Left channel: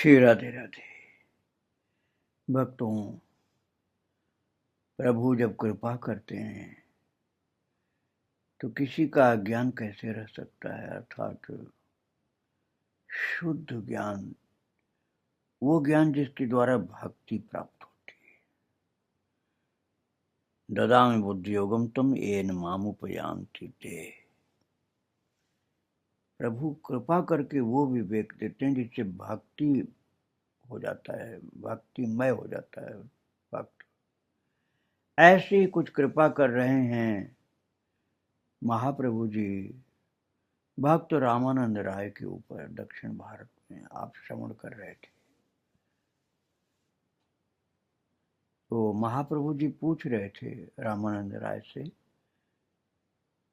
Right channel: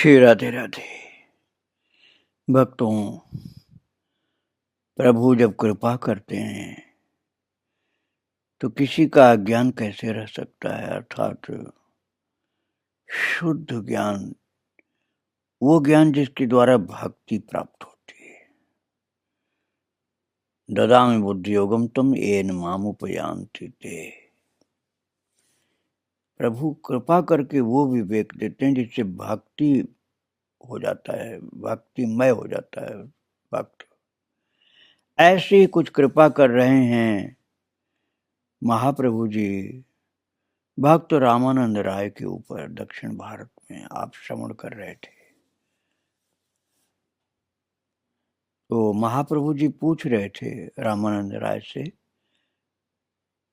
श्री राधे राधे। भक्तों, प्रभु जब कृपा करते हैं तो किसी का अज्ञान कैसे रह सकता है। अर्थात शुद्ध ज्ञान, वो ज्ञान जिसके द्वारा भक्ति प्राप्त होती है। ददामि बुद्धि योगम तम येन मामुपयान्ति ते। प्रभु कृपा करके वो विवेक देते हैं जिससे भक्ति हो जाता है, भक्तिमय हो जाता है भक्त। ऐसे ही कुछ कृपा कर रहे हैं महाप्रभु जी भक्त रामानंद राय के ऊपर। दक्षिण भारत में आप श्रवण कर रहे थे तो महाप्रभु जी पूछ रहे थे रामानंद राय से,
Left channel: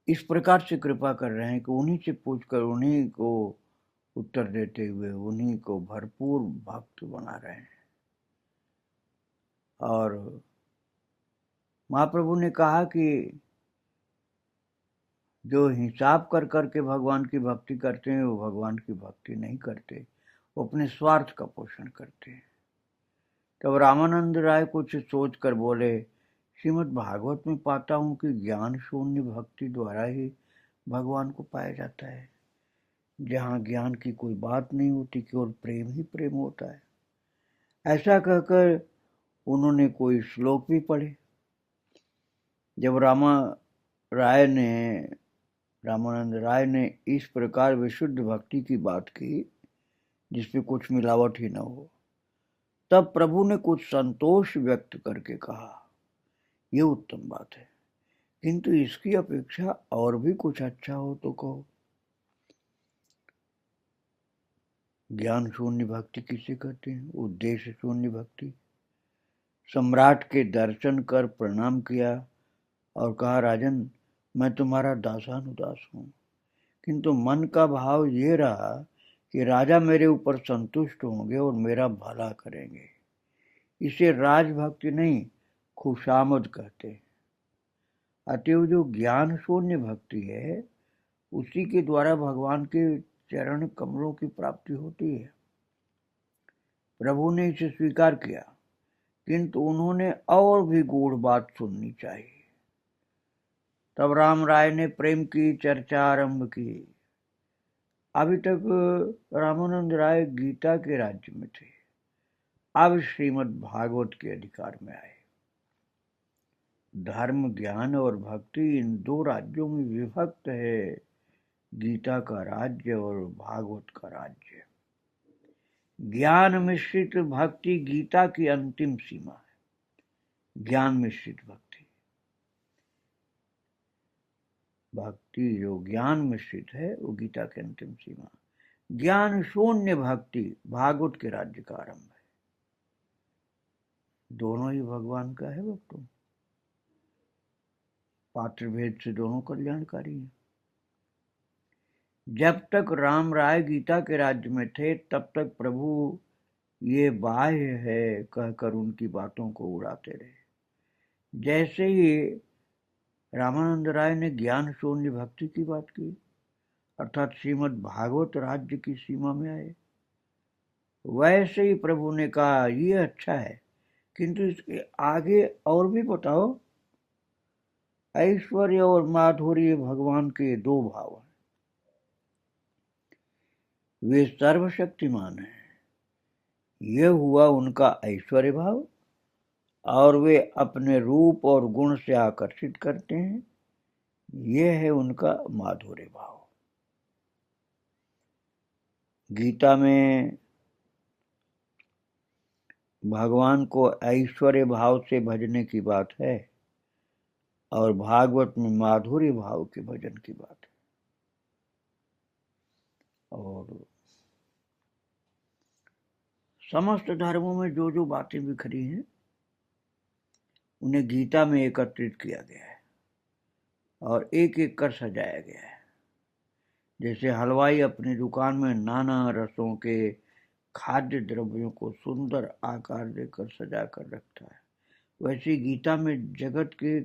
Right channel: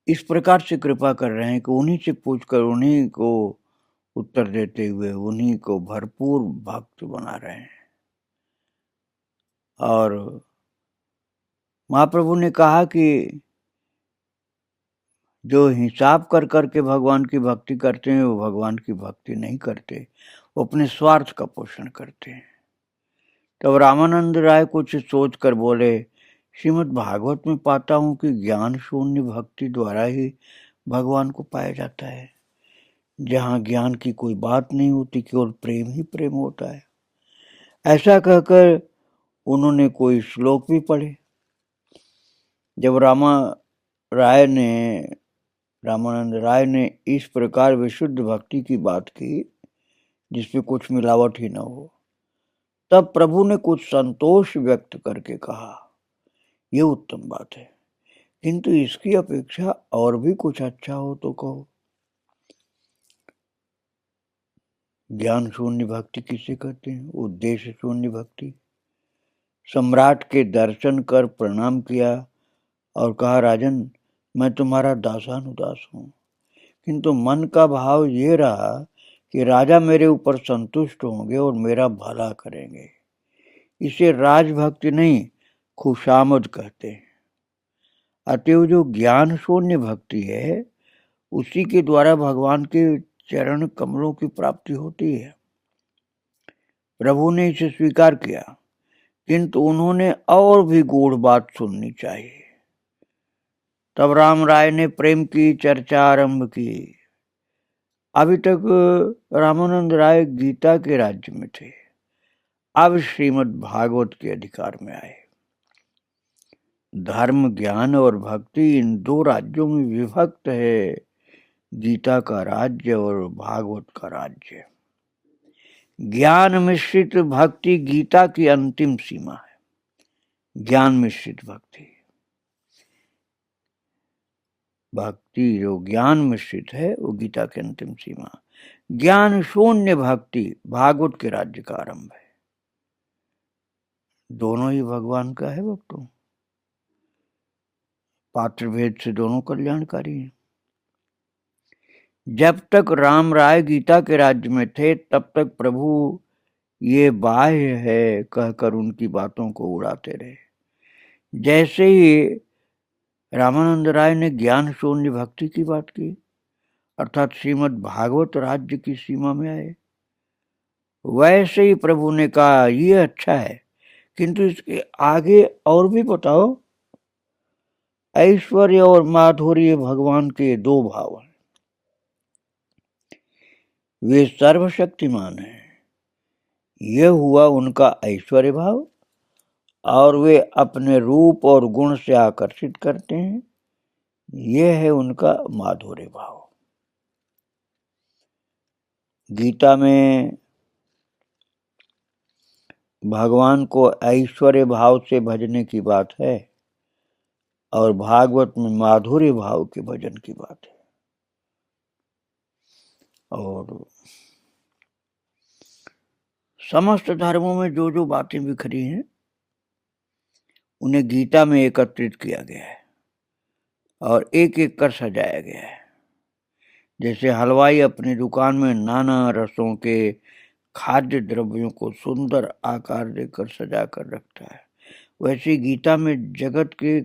इस प्रकार से कृपा कर रहे हैं कि उन्हीं से पूछकर उन्हीं को उत्तर देते हुए उन्हीं को भरपूर भक्त बना रहे हैं। और महाप्रभु ने कहा कि जो हिसाब कर करके भगवान की भक्ति करते हैं वो भगवान की भक्ति नहीं करते, वो अपने स्वार्थ का पोषण करते हैं। तब रामानंद राय कुछ सोच कर बोले, श्रीमद् भागवत में पाता हूं कि ज्ञान शून्य भक्ति द्वारा ही भगवान को पाया जाता है, जहां ज्ञान की कोई बात नहीं होती, केवल प्रेम ही प्रेम होता है। ऐसा कहकर उन्होंने कोई श्लोक भी पढ़े। जब रामानंद राय ने इस प्रकार विशुद्ध भक्ति की बात की जिसमें कुछ मिलावट ही न हो, तब प्रभु ने कुछ संतोष व्यक्त करके कहा, ये उत्तम बात है, किंतु इसकी अपेक्षा और भी कुछ अच्छा हो तो कहो। ज्ञान शून्य भक्ति किसे कहते हैं? उद्देश्य शून्य भक्ति। सम्राट के दर्शन कर प्रणाम किया और कहा, राजन मैं तुम्हारा दासानुदास हूं, किंतु मन का भाव ये रहा कि राजा मेरे ऊपर संतुष्ट होंगे और मेरा भला करेंगे। इसे राजभक्ति नहीं, खुशामद कहते हैं। अतएव जो ज्ञान शून्य भक्ति है उसी के द्वारा भगवान के चरण कमलों की प्राप्ति होती है। प्रभु ने इसे स्वीकार किया, किंतु उन्होंने और भी गूढ़ बात सुननी चाहिए। तब राम राय ने प्रेम की चर्चा आरंभ की। अभी तक रामानंद राय गीता के राज्य में थे, अब श्रीमद् भागवत के अधिकार में आए। धर्म, ज्ञान और भक्ति इन दो राज्यों में विभक्त है गीता का राज्य और भागवत का राज्य। ज्ञान मिश्रित भक्ति गीता की अंतिम सीमा है। ज्ञान मिश्रित भक्ति जो ज्ञान मिश्रित है वो गीता की अंतिम सीमा। ज्ञान शून्य भक्ति भागवत के राज्य का आरंभ है। दोनों ही भगवान का है भक्तों, पात्र भेद से दोनों कल्याणकारी हैं। जब तक राम राय गीता के राज्य में थे तब तक प्रभु ये बाह्य है कहकर उनकी बातों को उड़ाते रहे। जैसे ही रामानंद राय ने ज्ञान शून्य भक्ति की बात की, अर्थात श्रीमद् भागवत राज्य की सीमा में आए, वैसे ही प्रभु ने कहा, ये अच्छा है, किंतु इसके आगे और भी बताओ। ऐश्वर्य और माधुर्य भगवान के दो भाव हैं। वे सर्वशक्तिमान हैं, यह हुआ उनका ऐश्वर्य भाव, और वे अपने रूप और गुण से आकर्षित करते हैं, यह है उनका माधुर्य भाव। गीता में भगवान को ऐश्वर्य भाव से भजने की बात है और भागवत में माधुर्य भाव के भजन की बात है। और समस्त धर्मों में जो जो बातें बिखरी हैं उन्हें गीता में एकत्रित किया गया है और एक एक कर सजाया गया है। जैसे हलवाई अपनी दुकान में नाना रसों के खाद्य द्रव्यों को सुंदर आकार देकर सजा कर रखता है, वैसे गीता में जगत के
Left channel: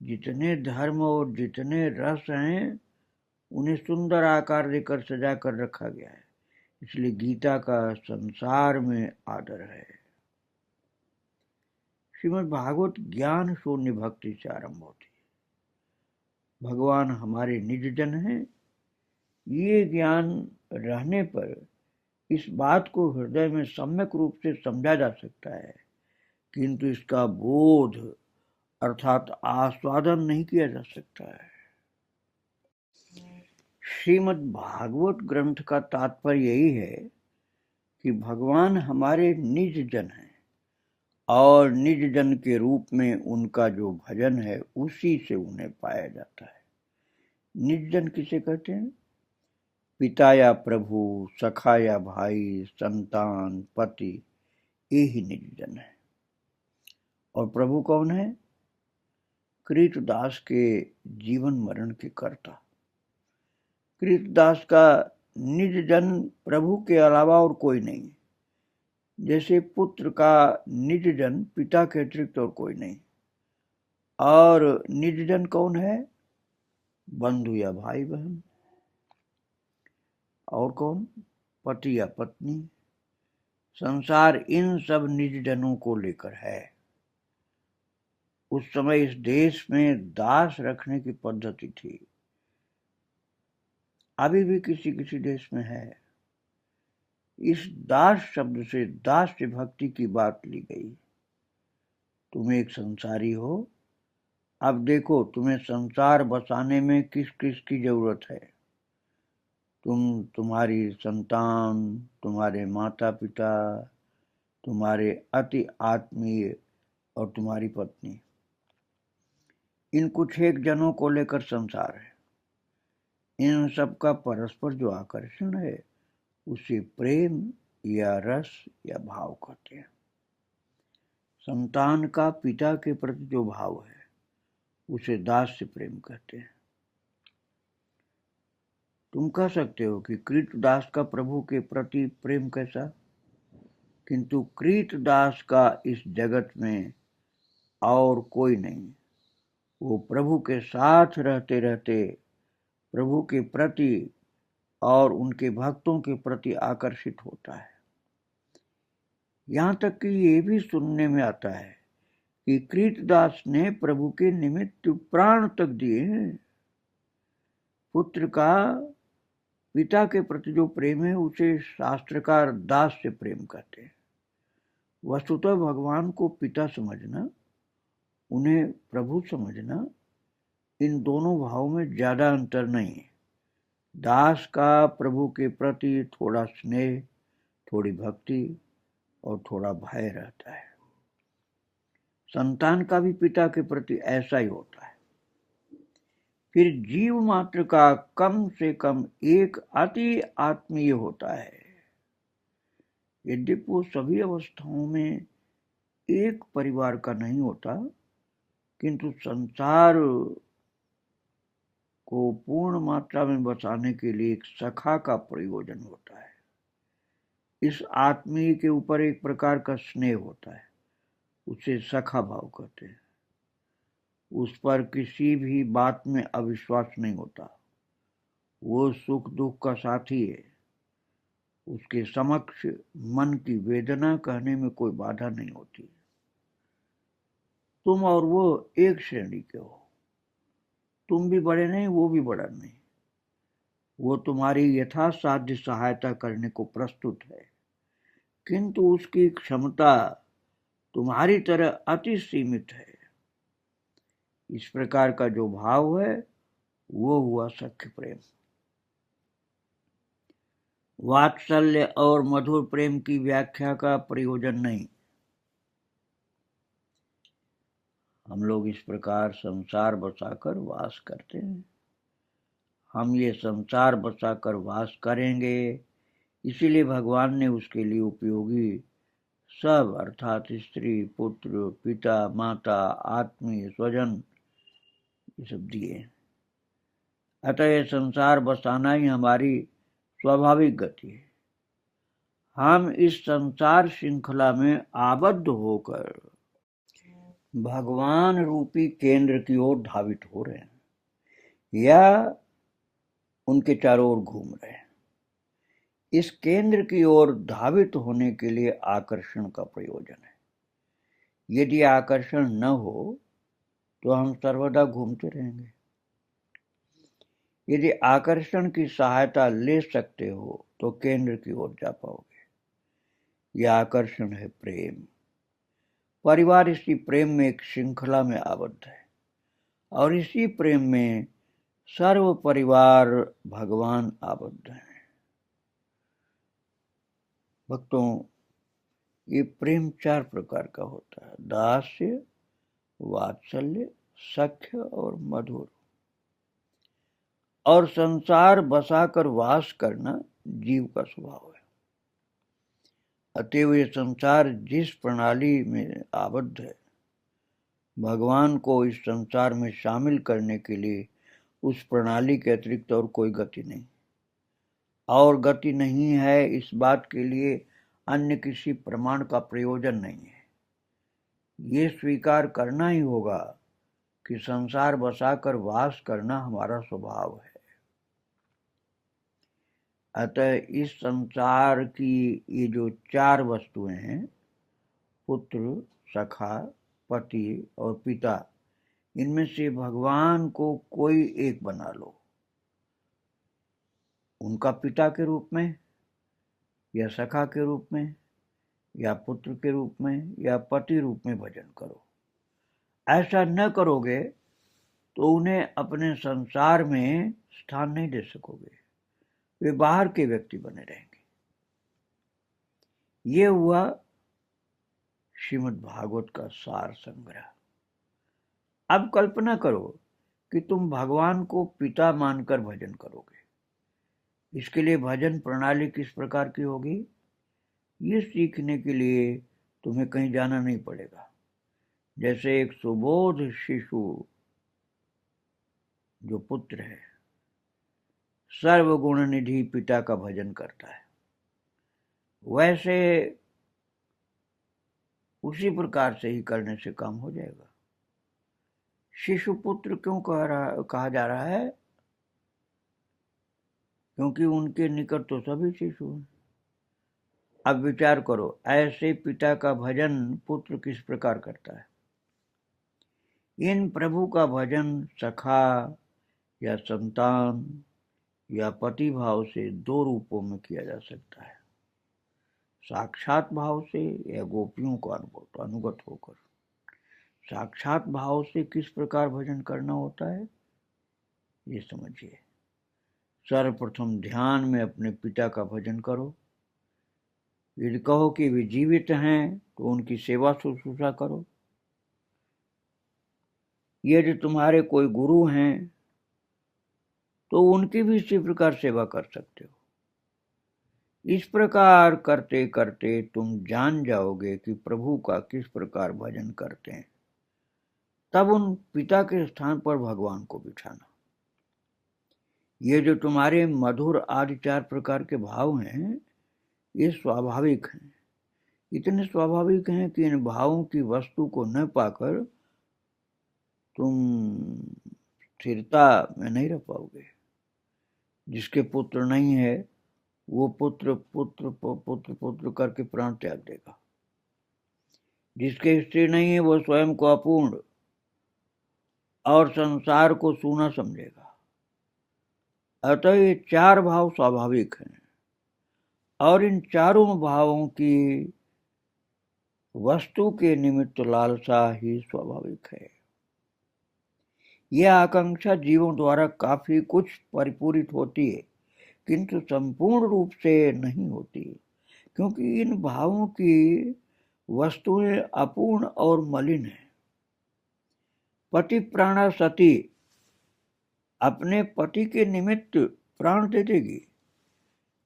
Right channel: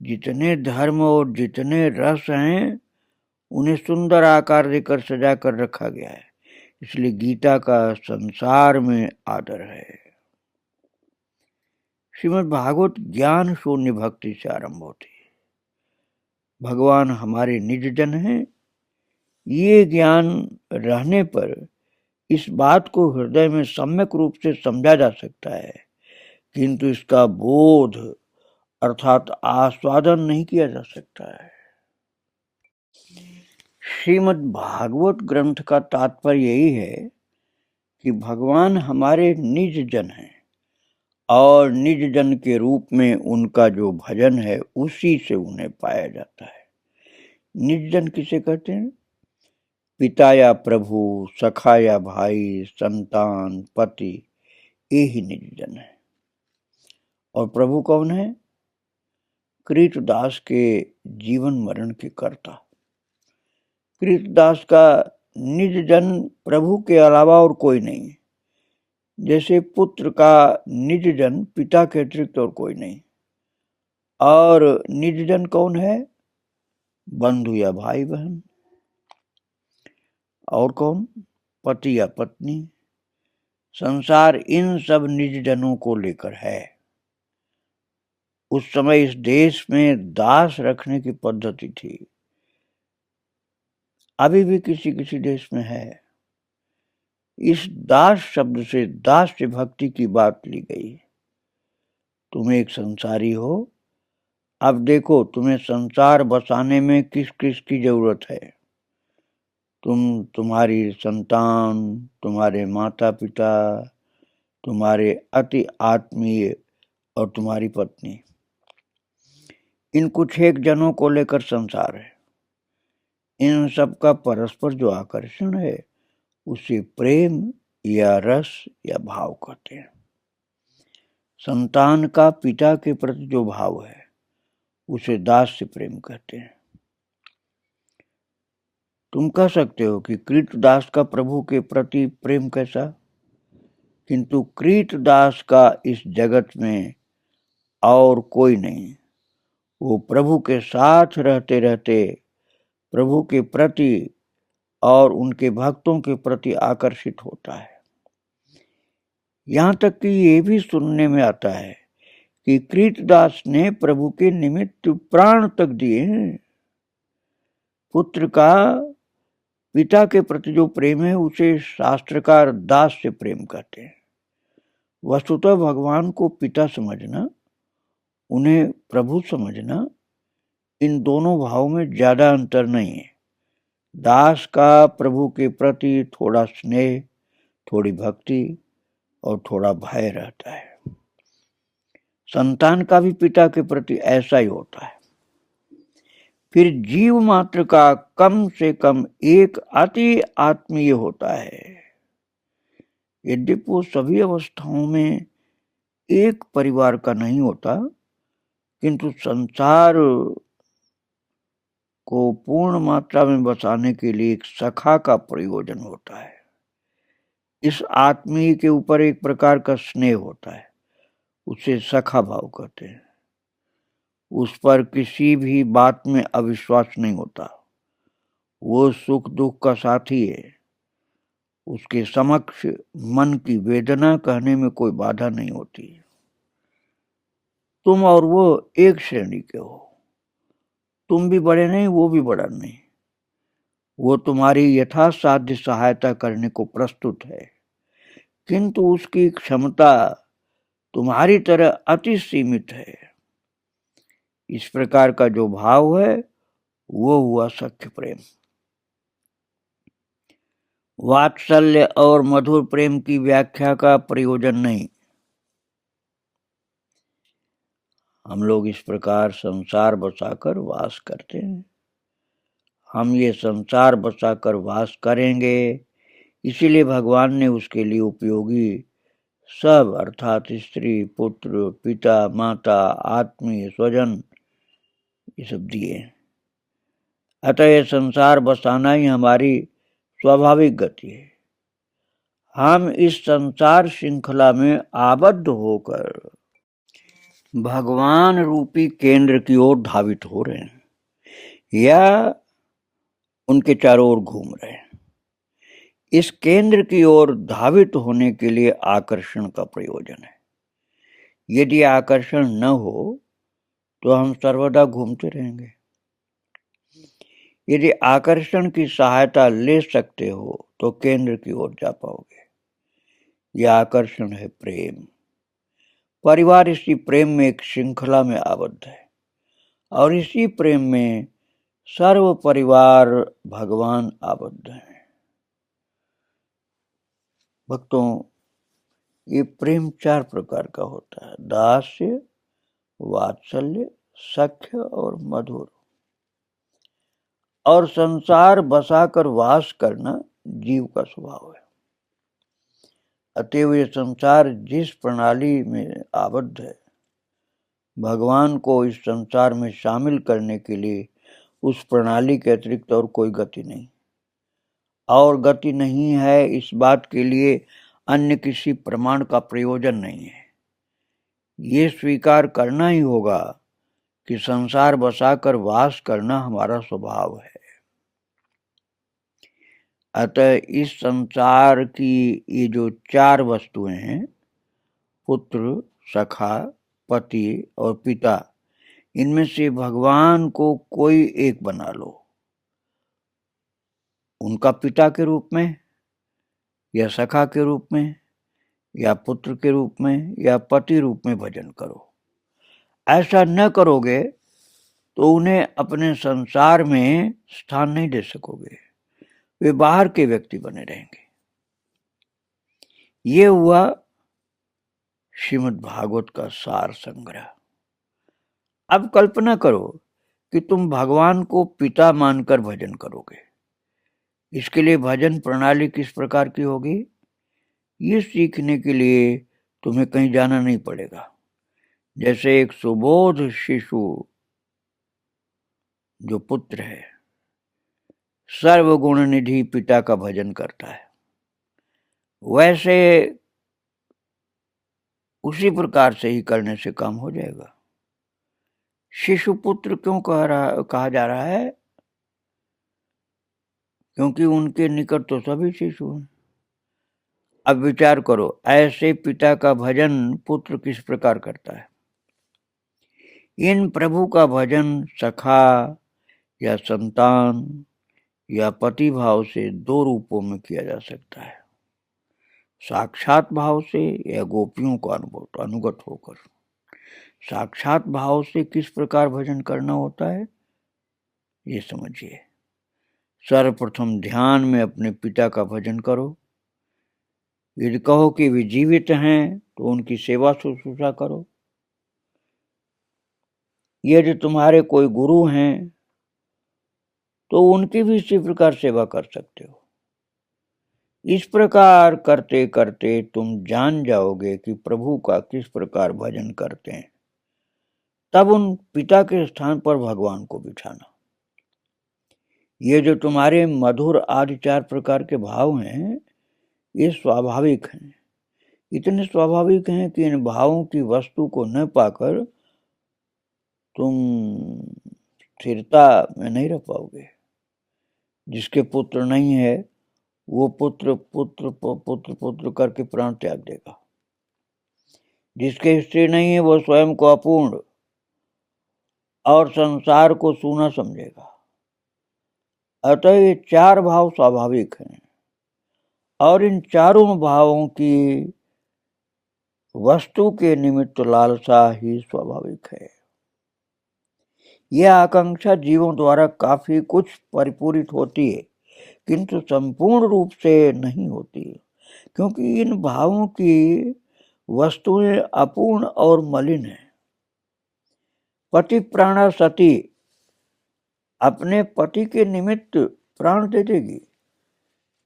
जितने धर्म और जितने रस हैं उन्हें सुंदर आकार देकर सजा कर रखा गया है। इसलिए गीता का संसार में आदर है। श्रीमद् भागवत ज्ञान शून्य भक्ति से आरंभ होती है। भगवान हमारे निज जन हैं। ये ज्ञान रहने पर इस बात को हृदय में सम्यक रूप से समझा जा सकता है, किंतु इसका बोध अर्थात आस्वादन नहीं किया जा सकता है। श्रीमद् भागवत ग्रंथ का तात्पर्य यही है कि भगवान हमारे निज जन हैं और निज जन के रूप में उनका जो भजन है उसी से उन्हें पाया जाता है। निज जन किसे कहते हैं? पिता या प्रभु, सखा या भाई, संतान, पति, ये ही निज जन है। और प्रभु कौन है? कृतदास के जीवन मरण के कर्ता। कृतदास का निज जन प्रभु के अलावा और कोई नहीं है। जैसे पुत्र का निज जन पिता के अतिरिक्त और कोई नहीं। और निज जन कौन है? बंधु या भाई बहन। और कौन? पति या पत्नी। संसार इन सब निज जनों को लेकर है। उस समय इस देश में दास रखने की पद्धति थी, अभी भी किसी किसी देश में है। इस दास शब्द से दास्य भक्ति की बात ली गई। तुम एक संसारी हो, अब देखो तुम्हें संसार बसाने में किस किस की जरूरत है। तुम्हारी संतान, तुम्हारे माता पिता, तुम्हारे अति आत्मीय और तुम्हारी पत्नी, इन कुछ एक जनों को लेकर संसार है। इन सब का परस्पर जो आकर्षण है उसे प्रेम या रस या भाव कहते हैं। संतान का पिता के प्रति जो भाव है उसे दास्य प्रेम कहते हैं। तुम कह सकते हो कि कृतदास का प्रभु के प्रति प्रेम कैसा, किंतु कृतदास का इस जगत में और कोई नहीं। वो प्रभु के साथ रहते रहते प्रभु के प्रति और उनके भक्तों के प्रति आकर्षित होता है। यहाँ तक कि ये भी सुनने में आता है कि कृतदास ने प्रभु के निमित्त प्राण तक दिए हैं। पुत्र का पिता के प्रति जो प्रेम है उसे शास्त्रकार दास से प्रेम कहते हैं। वस्तुतः भगवान को पिता समझना, उन्हें प्रभु समझना, इन दोनों भावों में ज्यादा अंतर नहीं है। दास का प्रभु के प्रति थोड़ा स्नेह, थोड़ी भक्ति और थोड़ा भय रहता है। संतान का भी पिता के प्रति ऐसा ही होता है। फिर जीव मात्र का कम से कम एक अति आत्मीय होता है। यद्यपि वो सभी अवस्थाओं में एक परिवार का नहीं होता, किंतु संसार को पूर्ण मात्रा में बसाने के लिए एक सखा का प्रयोजन होता है। इस आत्मीय के ऊपर एक प्रकार का स्नेह होता है, उसे सखा भाव कहते हैं। उस पर किसी भी बात में अविश्वास नहीं होता। वो सुख दुख का साथी है। उसके समक्ष मन की वेदना कहने में कोई बाधा नहीं होती। तुम और वो एक श्रेणी के हो। तुम भी बड़े नहीं, वो भी बड़ा नहीं। वो तुम्हारी यथासाध्य सहायता करने को प्रस्तुत है, किंतु उसकी क्षमता तुम्हारी तरह अति सीमित है। इस प्रकार का जो भाव है वो हुआ सख्य प्रेम। वात्सल्य और मधुर प्रेम की व्याख्या का प्रयोजन नहीं। हम लोग इस प्रकार संसार बसाकर वास करते हैं। हम ये संसार बसाकर वास करेंगे, इसीलिए भगवान ने उसके लिए उपयोगी सब अर्थात स्त्री, पुत्र, पिता, माता, आत्मीय, स्वजन, ये सब दिए। अतः ये संसार बसाना ही हमारी स्वाभाविक गति है। हम इस संसार श्रृंखला में आबद्ध होकर भगवान रूपी केंद्र की ओर धावित हो रहे हैं या उनके चारों ओर घूम रहे हैं। इस केंद्र की ओर धावित होने के लिए आकर्षण का प्रयोजन है। यदि आकर्षण न हो तो हम सर्वदा घूमते रहेंगे। यदि आकर्षण की सहायता ले सकते हो तो केंद्र की ओर जा पाओगे। यह आकर्षण है प्रेम। परिवार इसी प्रेम में एक श्रृंखला में आबद्ध है और इसी प्रेम में सर्व परिवार भगवान आबद्ध है। भक्तों, ये प्रेम 4 प्रकार का होता है: दास्य, वात्सल्य, सख्य और मधुर। और संसार बसाकर वास करना जीव का स्वभाव है। अतएव ये संसार जिस प्रणाली में आबद्ध है, भगवान को इस संसार में शामिल करने के लिए उस प्रणाली के अतिरिक्त और कोई गति नहीं। और गति नहीं है, इस बात के लिए अन्य किसी प्रमाण का प्रयोजन नहीं है। ये स्वीकार करना ही होगा कि संसार बसाकर वास करना हमारा स्वभाव है। अतः इस संसार की ये जो 4 वस्तुएं हैं, पुत्र, सखा, पति और पिता, इनमें से भगवान को कोई एक बना लो। उनका पिता के रूप में या सखा के रूप में या पुत्र के रूप में या पति रूप में भजन करो। ऐसा न करोगे तो उन्हें अपने संसार में स्थान नहीं दे सकोगे। वे बाहर के व्यक्ति बने रहेंगे। ये हुआ श्रीमद् भागवत का सार संग्रह। अब कल्पना करो कि तुम भगवान को पिता मानकर भजन करोगे। इसके लिए भजन प्रणाली किस प्रकार की होगी, ये सीखने के लिए तुम्हें कहीं जाना नहीं पड़ेगा। जैसे एक सुबोध शिशु जो पुत्र है, सर्वगुण निधि पिता का भजन करता है, वैसे उसी प्रकार से ही करने से काम हो जाएगा। शिशु पुत्र क्यों कहा जा रहा है? क्योंकि उनके निकट तो सभी शिशु हैं। अब विचार करो, ऐसे पिता का भजन पुत्र किस प्रकार करता है। इन प्रभु का भजन सखा या संतान या पति भाव से 2 रूपों में किया जा सकता है: साक्षात भाव से या गोपियों को अनुगत होकर। साक्षात भाव से किस प्रकार भजन करना होता है, ये समझिए। सर्वप्रथम ध्यान में अपने पिता का भजन करो। यदि कहो कि वे जीवित हैं तो उनकी सेवा शुश्रूषा करो। यदि तुम्हारे कोई गुरु हैं तो उनकी भी इसी प्रकार सेवा कर सकते हो। इस प्रकार करते करते तुम जान जाओगे कि प्रभु का किस प्रकार भजन करते हैं। तब उन पिता के स्थान पर भगवान को बिठाना। ये जो तुम्हारे मधुर आदि 4 प्रकार के भाव हैं, ये स्वाभाविक हैं। इतने स्वाभाविक हैं कि इन भावों की वस्तु को न पाकर तुम स्थिरता में नहीं रह पाओगे। जिसके पुत्र नहीं है वो पुत्र पुत्र पुत्र पुत्र करके प्राण त्याग देगा। जिसके स्त्री नहीं है वो स्वयं को अपूर्ण और संसार को सूना समझेगा। अतः ये 4 भाव स्वाभाविक हैं और इन चारों भावों की वस्तु के निमित्त लालसा ही स्वाभाविक है। यह आकांक्षा जीवों द्वारा काफी कुछ परिपूरित होती है, किंतु संपूर्ण रूप से नहीं होती, क्योंकि इन भावों की वस्तुएं अपूर्ण और मलिन है। पति प्राणा सती अपने पति के निमित्त प्राण दे देगी,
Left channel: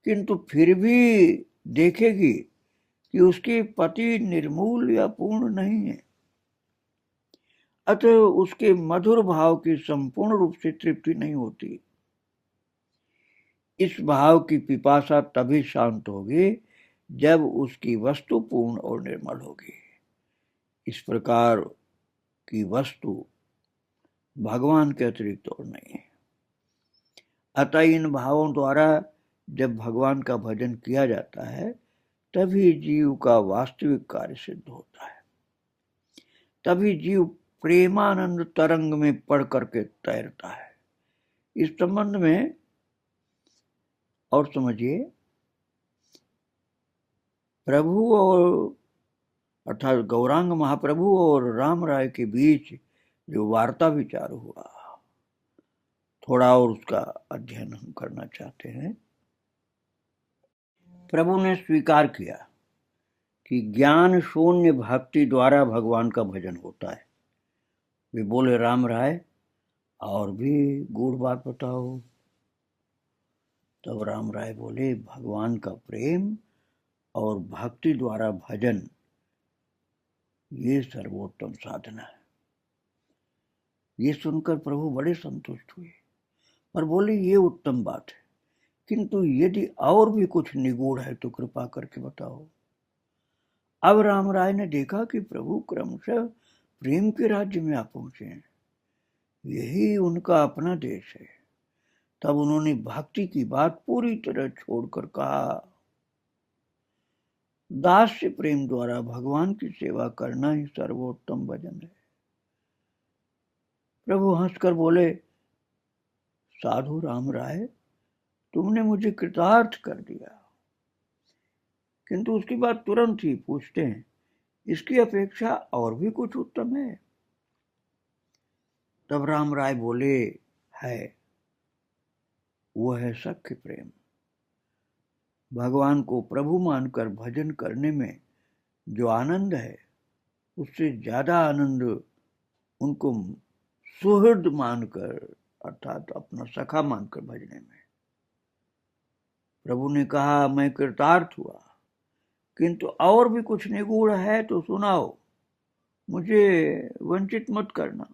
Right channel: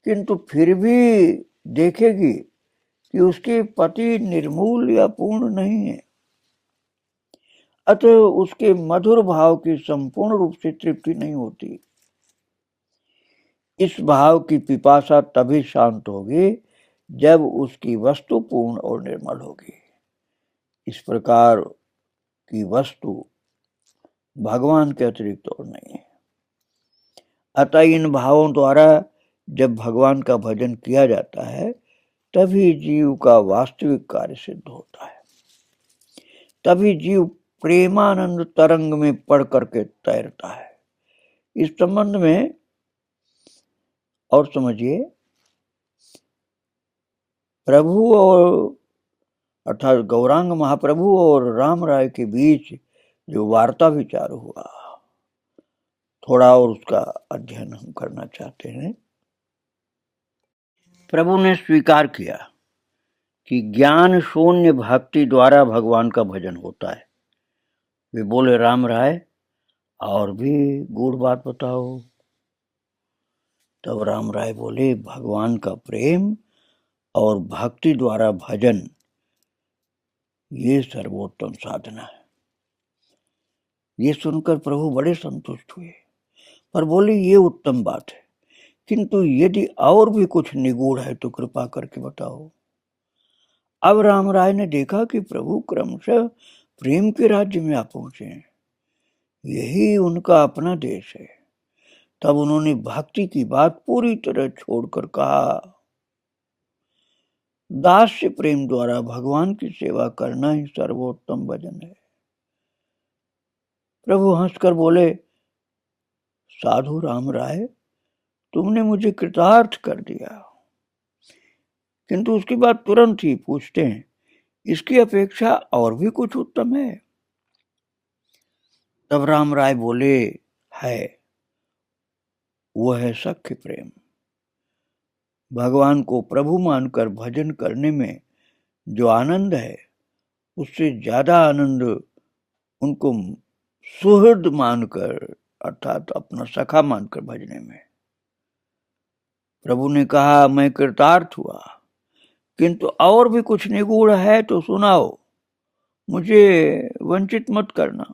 किंतु फिर भी देखेगी कि उसके पति निर्मूल या पूर्ण नहीं है। अतः उसके मधुर भाव की संपूर्ण रूप से तृप्ति नहीं होती। इस भाव की पिपासा तभी शांत होगी जब उसकी वस्तु पूर्ण और निर्मल होगी। इस प्रकार की वस्तु भगवान के अतिरिक्त और नहीं है। अतः इन भावों द्वारा जब भगवान का भजन किया जाता है तभी जीव का वास्तविक कार्य सिद्ध होता है, तभी जीव प्रेमानंद तरंग में पड़ करके तैरता है। इस संबंध में और समझिए, प्रभु और अर्थात गौरांग महाप्रभु और राम राय के बीच जो वार्ता विचार हुआ, थोड़ा और उसका अध्ययन हम करना चाहते हैं। प्रभु ने स्वीकार किया कि ज्ञान शून्य भक्ति द्वारा भगवान का भजन होता है। वे बोले, राम राय और भी गूढ़ बात बताओ। तब राम राय बोले, भगवान का प्रेम और भक्ति द्वारा भजन ये सर्वोत्तम साधना है। ये सुनकर प्रभु बड़े संतुष्ट हुए, पर बोले, ये उत्तम बात है, किंतु यदि और भी कुछ निगूढ़ है तो कृपा करके बताओ। अब राम राय ने देखा कि प्रभु क्रमशः प्रेम के राज्य में आ पहुंचे हैं, यही उनका अपना देश है। तब उन्होंने भक्ति की बात पूरी तरह छोड़कर कहा, दास्य प्रेम द्वारा भगवान की सेवा करना ही सर्वोत्तम भजन है। प्रभु हंसकर बोले, साधु राम राय, तुमने मुझे कृतार्थ कर दिया। किंतु उसके बाद तुरंत ही पूछते हैं, इसकी अपेक्षा और भी कुछ उत्तम है? तब राम राय बोले, है, वो है सख्य प्रेम। भगवान को प्रभु मानकर भजन करने में जो आनंद है, उससे ज्यादा आनंद उनको सुहृद मानकर अर्थात अपना सखा मानकर भजने में। प्रभु ने कहा, मैं कृतार्थ हुआ, किंतु और भी कुछ निगूढ़ है तो सुनाओ, मुझे वंचित मत करना।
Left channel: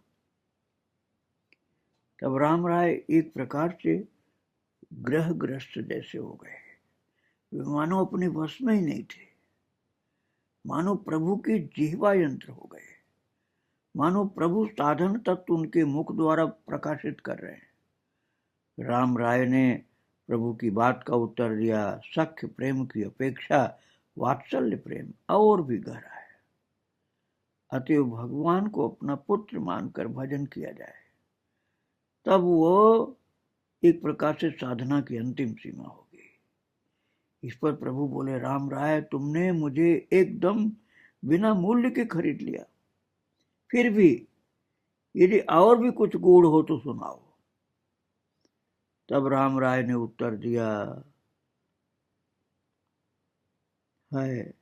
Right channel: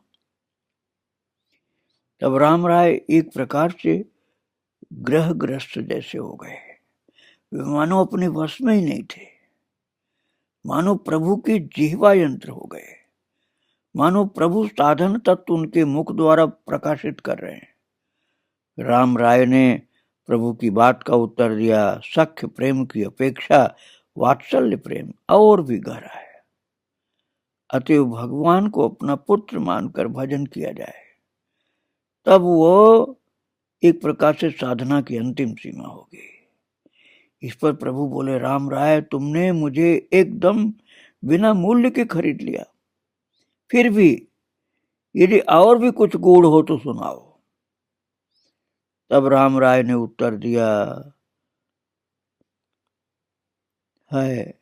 तब राम राय एक प्रकार से ग्रहग्रस्त जैसे हो गए, वे मानो अपने वश में ही नहीं थे, मानो प्रभु के जिह्वा यंत्र हो गए, मानो प्रभु साधन तत्व उनके मुख द्वारा प्रकाशित कर रहे हैं। राम राय ने प्रभु की बात का उत्तर दिया, सख्य प्रेम की अपेक्षा वात्सल्य प्रेम और भी गहरा है, अतएव भगवान को अपना पुत्र मानकर भजन किया जाए, तब वो एक प्रकार से साधना की अंतिम सीमा होगी। इस पर प्रभु बोले, राम राय, तुमने मुझे एकदम बिना मूल्य के खरीद लिया, फिर भी यदि और भी कुछ गूढ़ हो तो सुनाओ। तब राम राय ने उत्तर दिया, है,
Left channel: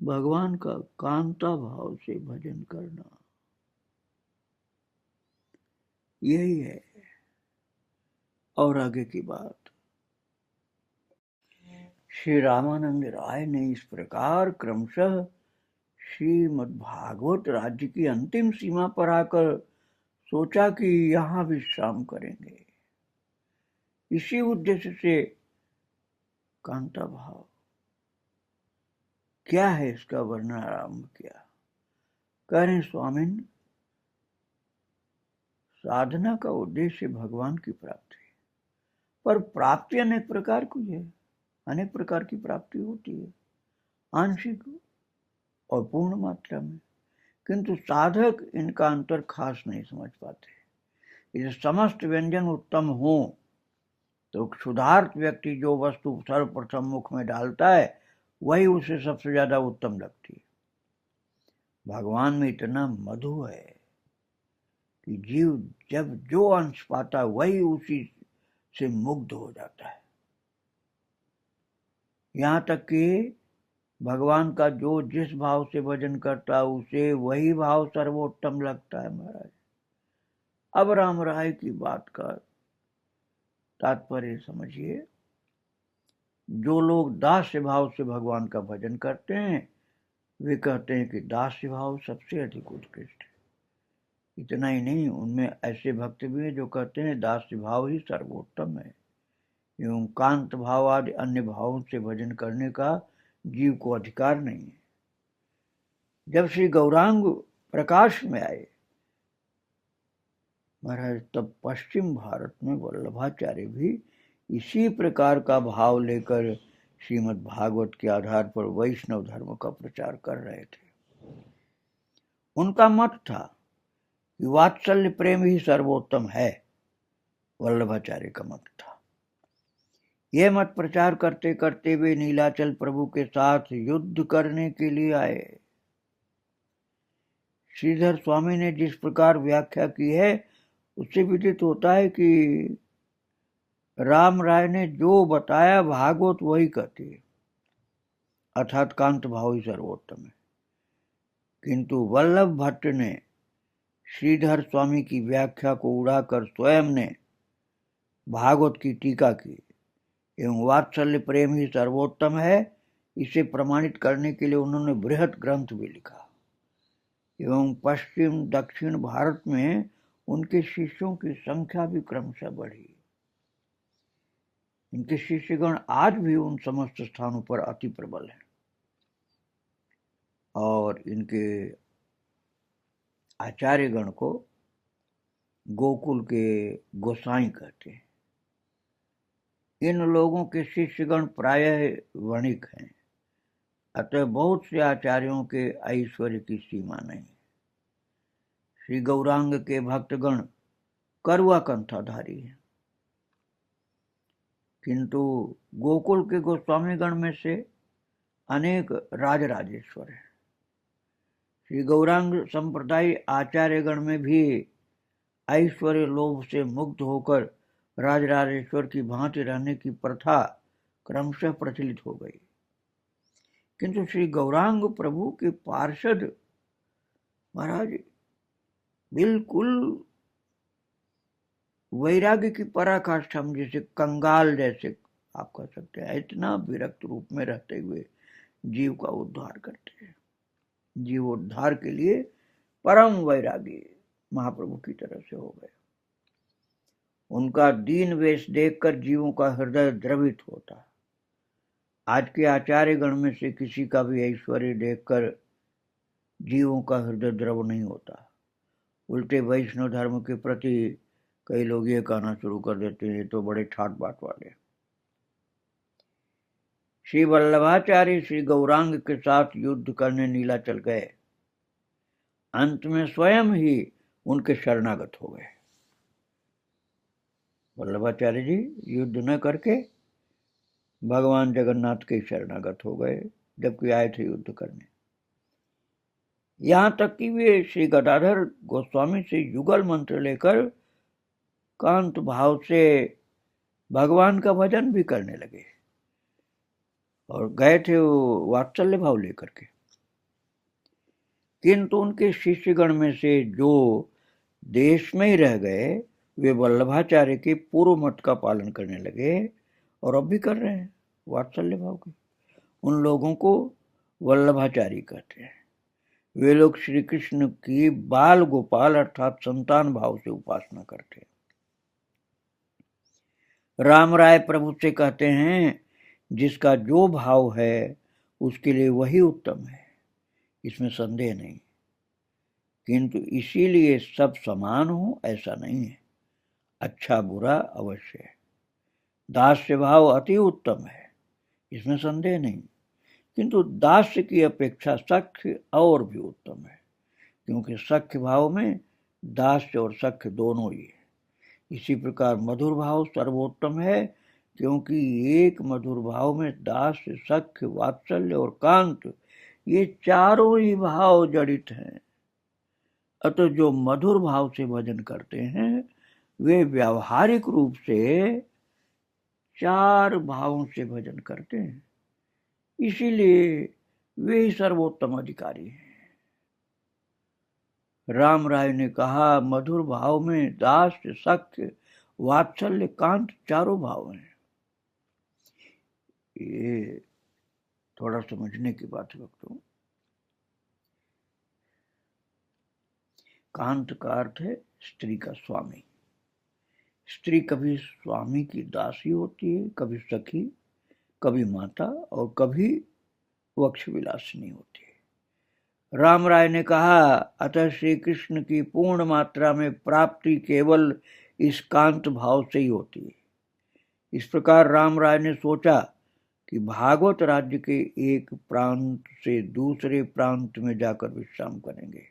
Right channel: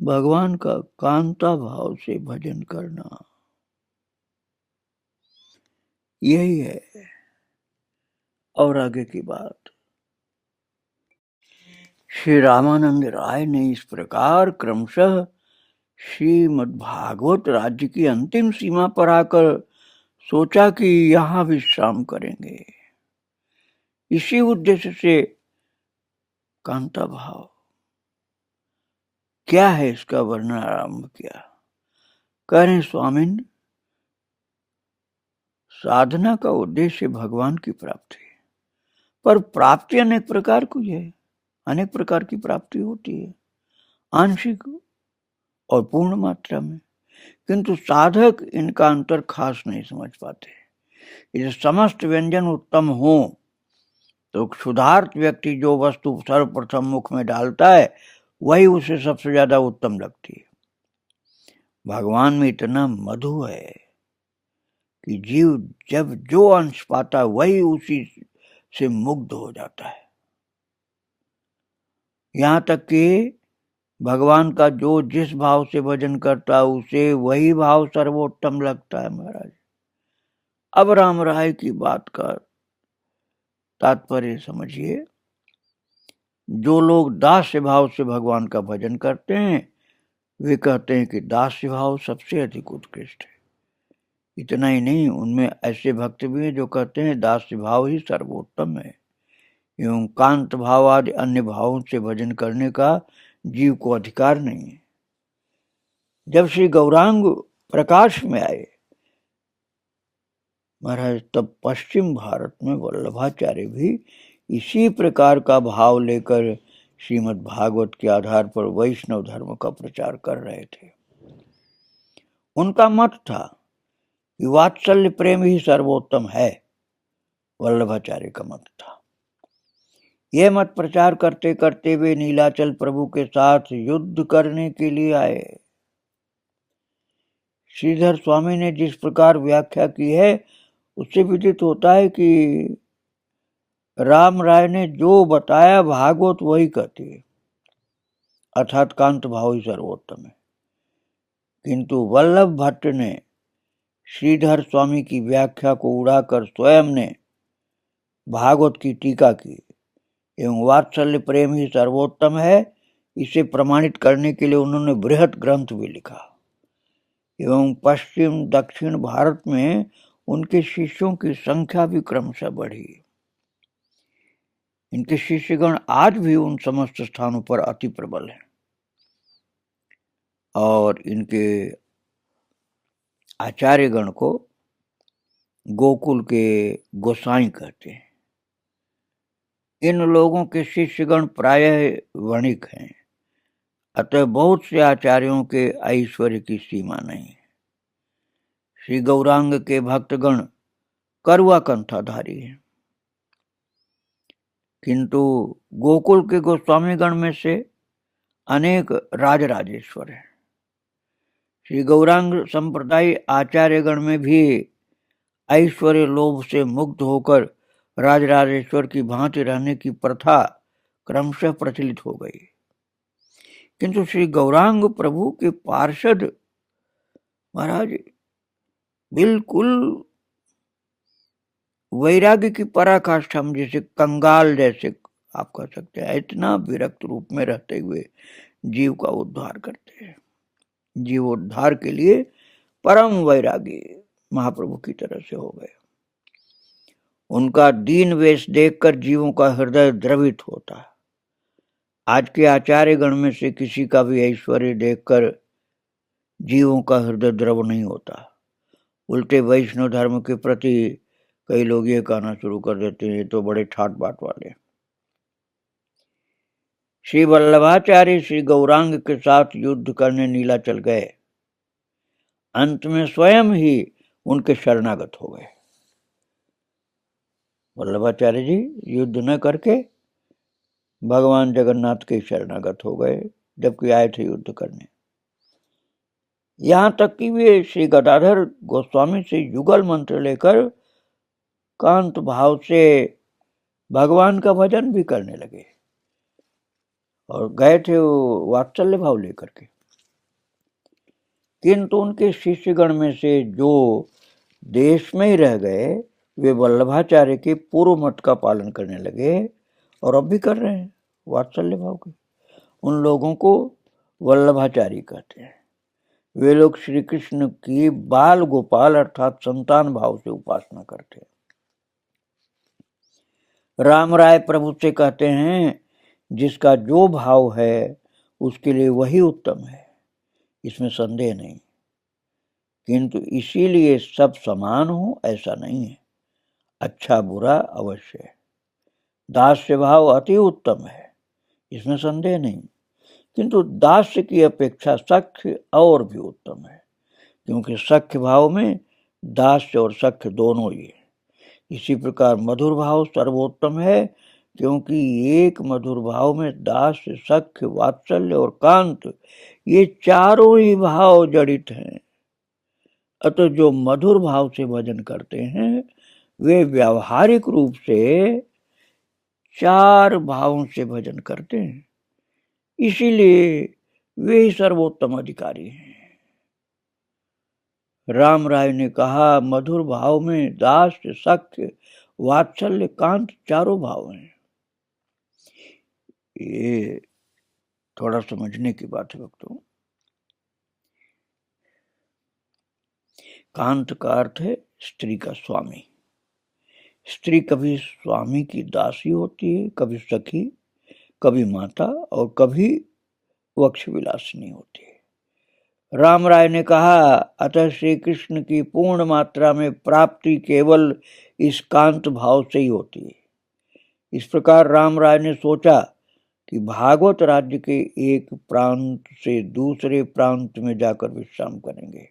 भगवान का कांता भाव से भजन करना, यही है। और आगे की बात श्री रामानंद राय ने इस प्रकार क्रमशः श्रीमद् भागवत राज्य की अंतिम सीमा पर आकर सोचा कि यहां विश्राम करेंगे। इसी उद्देश्य से कांता भाव क्या है इसका वर्णन आरंभ किया। कह रहे स्वामिन, साधना का उद्देश्य भगवान की प्राप्ति, पर प्राप्ति अनेक प्रकार की है, अनेक प्रकार की प्राप्ति होती है, आंशिक और पूर्ण मात्रा में, किंतु साधक इनका अंतर खास नहीं समझ पाते। यदि समस्त व्यंजन उत्तम हो तो क्षुधार्त व्यक्ति जो वस्तु सर्वप्रथम मुख में डालता है वही उसे सबसे ज्यादा उत्तम लगती है। भगवान में इतना मधु है कि जीव जब जो अंश पाता वही उसी से मुग्ध हो जाता है। यहाँ तक कि भगवान का जो जिस भाव से भजन करता है उसे वही भाव सर्वोत्तम लगता है। महाराज, अब राम राय की बात का तात्पर्य समझिए। जो लोग दास्य भाव से भगवान का भजन करते हैं वे कहते हैं कि दास्य भाव सबसे अधिक उत्कृष्ट है। इतना ही नहीं, उनमें ऐसे भक्त भी हैं जो कहते हैं दास्य भाव ही सर्वोत्तम है, एवं कांत भाव आदि अन्य भावों से भजन करने का जीव को अधिकार नहीं है। जब श्री गौरांग प्रकाश में आए महाराज, तब पश्चिम भारत में वल्लभाचार्य भी इसी प्रकार का भाव लेकर श्रीमद् भागवत के आधार पर वैष्णव धर्म का प्रचार कर रहे थे। उनका मत था कि वात्सल्य प्रेम ही सर्वोत्तम है, वल्लभाचार्य का मत था। यह मत प्रचार करते करते वे नीलाचल प्रभु के साथ युद्ध करने के लिए आए। श्रीधर स्वामी ने जिस प्रकार व्याख्या की है उससे विदित होता है कि राम राय ने जो बताया भागवत वही कहती है, अर्थात कांत भाव ही सर्वोत्तम है। किंतु वल्लभ भट्ट ने श्रीधर स्वामी की व्याख्या को उड़ाकर स्वयं ने भागवत की टीका की एवं वात्सल्य प्रेम ही सर्वोत्तम है, इसे प्रमाणित करने के लिए उन्होंने बृहत ग्रंथ भी लिखा एवं पश्चिम दक्षिण भारत में उनके शिष्यों की संख्या भी क्रमशः बढ़ी। इनके शिष्यगण आज भी उन समस्त स्थानों पर अति प्रबल हैं और इनके आचार्यगण को गोकुल के गोसाई कहते हैं। इन लोगों के शिष्यगण प्रायः वणिक हैं, अतः बहुत से आचार्यों के ऐश्वर्य की सीमा नहीं। श्री गौरांग के भक्तगण करुआ कंठाधारी हैं, किंतु गोकुल के गोस्वामीगण में से अनेक राजराजेश्वर हैं। श्री गौरांग संप्रदाय आचार्यगण में भी ऐश्वर्य लोभ से मुक्त होकर राजराजेश्वर की भांति रहने की प्रथा क्रमशः प्रचलित हो गई। किंतु श्री गौरांग प्रभु के पार्षद महाराज बिल्कुल वैराग्य की पराकाष्ठा में, जैसे कंगाल जैसे आप कह सकते हैं, इतना विरक्त रूप में रहते हुए जीव का उद्धार करते हैं। जीवोद्धार के लिए परम वैरागी महाप्रभु की तरह से हो गए। उनका दीन वेश देखकर जीवों का हृदय द्रवित होता है। आज के आचार्य गण में से किसी का भी ऐश्वर्य देखकर जीवों का हृदय द्रव नहीं होता। उल्टे वैष्णव धर्म के प्रति कई लोग ये कहना शुरू कर देते हैं, तो बड़े ठाट बाट वाले। श्री वल्लभाचार्य श्री गौरांग के साथ युद्ध करने नीलाचल गए। अंत में स्वयं ही उनके शरणागत हो गए। वल्लभाचार्य जी युद्ध न करके भगवान जगन्नाथ के शरणागत हो गए, जबकि आए थे युद्ध करने। यहां तक कि वे श्री गदाधर गोस्वामी से युगल मंत्र लेकर कांत भाव से भगवान का भजन भी करने लगे और गए थे वो वात्सल्य भाव लेकर के। किंतु उनके शिष्यगण में से जो देश में ही रह गए वे वल्लभाचार्य के पूर्व मत का पालन करने लगे और अब भी कर रहे हैं वात्सल्य भाव के। उन लोगों को वल्लभाचार्य कहते हैं। वे लोग श्री कृष्ण की बाल गोपाल अर्थात संतान भाव से उपासना करते हैं। राम राय प्रभु से कहते हैं, जिसका जो भाव है उसके लिए वही उत्तम है, इसमें संदेह नहीं। किंतु इसीलिए सब समान हो ऐसा नहीं है, अच्छा बुरा अवश्य है। दास्य भाव अति उत्तम है, इसमें संदेह नहीं। किंतु दास्य की अपेक्षा सख्य और भी उत्तम है, क्योंकि सख्य भाव में दास्य और सख्य दोनों ही है। इसी प्रकार मधुर भाव सर्वोत्तम है, क्योंकि एक मधुर भाव में दास्य सख्य वात्सल्य और कांत ये चारों ही भाव जड़ित हैं। अतः जो मधुर भाव से भजन करते हैं वे व्यावहारिक रूप से चार भावों से भजन करते हैं, इसीलिए वे ही सर्वोत्तम अधिकारी हैं। राम राय ने कहा, मधुर भाव में दास्य सख्य वात्सल्य कांत चारों भाव हैं। ये थोड़ा समझने की बात है भक्तों। कांत का अर्थ है स्त्री का स्वामी। स्त्री कभी स्वामी की दासी होती है, कभी सखी, कभी माता और कभी वक्ष विलासिनी होती है। राम राय ने कहा, अतः श्री कृष्ण की पूर्ण मात्रा में प्राप्ति केवल इस कांत भाव से ही होती है। इस प्रकार राम राय ने सोचा कि भागवत राज्य के एक प्रांत से दूसरे प्रांत में जाकर विश्राम करेंगे।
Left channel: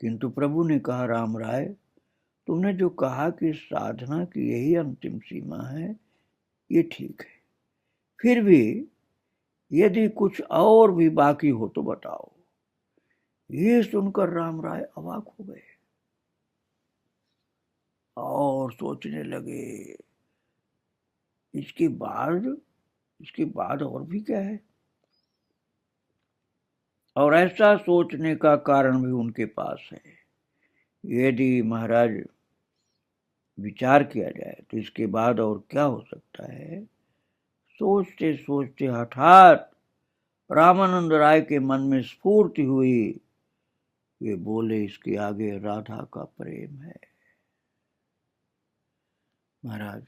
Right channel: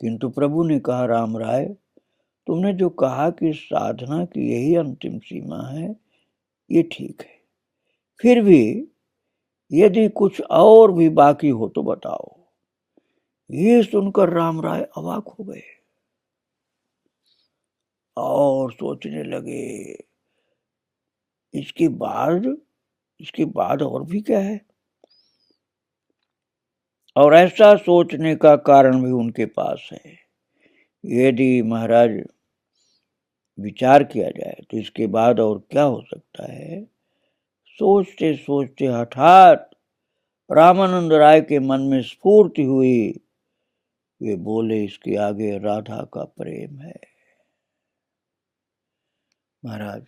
किंतु प्रभु ने कहा, राम राय, तुमने जो कहा कि साधना की यही अंतिम सीमा है, ये ठीक है। फिर भी यदि कुछ और भी बाकी हो तो बताओ। ये सुनकर राम राय अवाक हो गए और सोचने लगे, इसके बाद और भी क्या है। और ऐसा सोचने का कारण भी उनके पास है। यदि महाराज विचार किया जाए तो इसके बाद और क्या हो सकता है। सोचते सोचते हठात रामानंद राय के मन में स्फूर्ति हुई। वे बोले, इसके आगे राधा का प्रेम है। महाराज,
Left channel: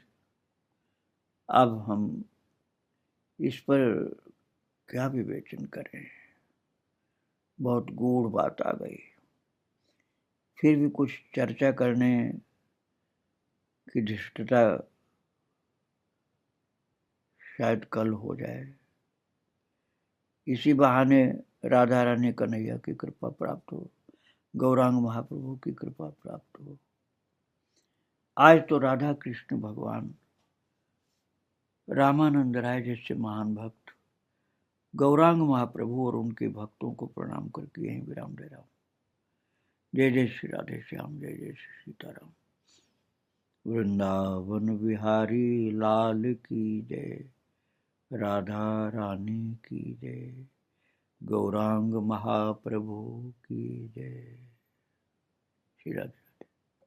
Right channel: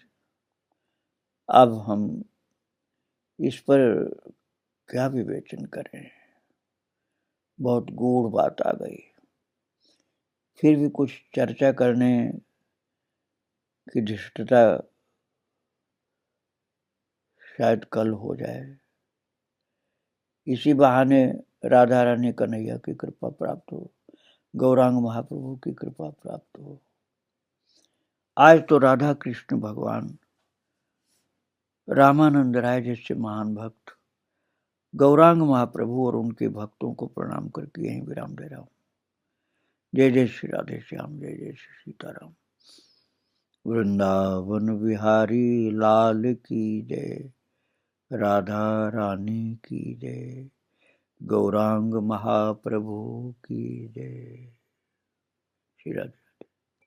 अब हम इस पर क्या विवेचन करें, बहुत गूढ़ बात आ गई। फिर भी कुछ चर्चा करने की धृष्टता शायद कल हो जाए। इसी बहाने राधा रानी कन्हैया की कृपा प्राप्त हो, गौरांग महाप्रभु की कृपा प्राप्त हो। आज तो राधा कृष्ण भगवान, रामानंद राय जैसे महान भक्त, गौरांग महाप्रभु और उनके भक्तों को प्रणाम करके यहीं विराम दे रहा हूं। जय जय श्री राधे श्याम, जय जय श्री सीताराम। वृंदावन बिहारी लाल की जय, राधा रानी की जय, गौरांग महाप्रभु की जय। श्री राधे।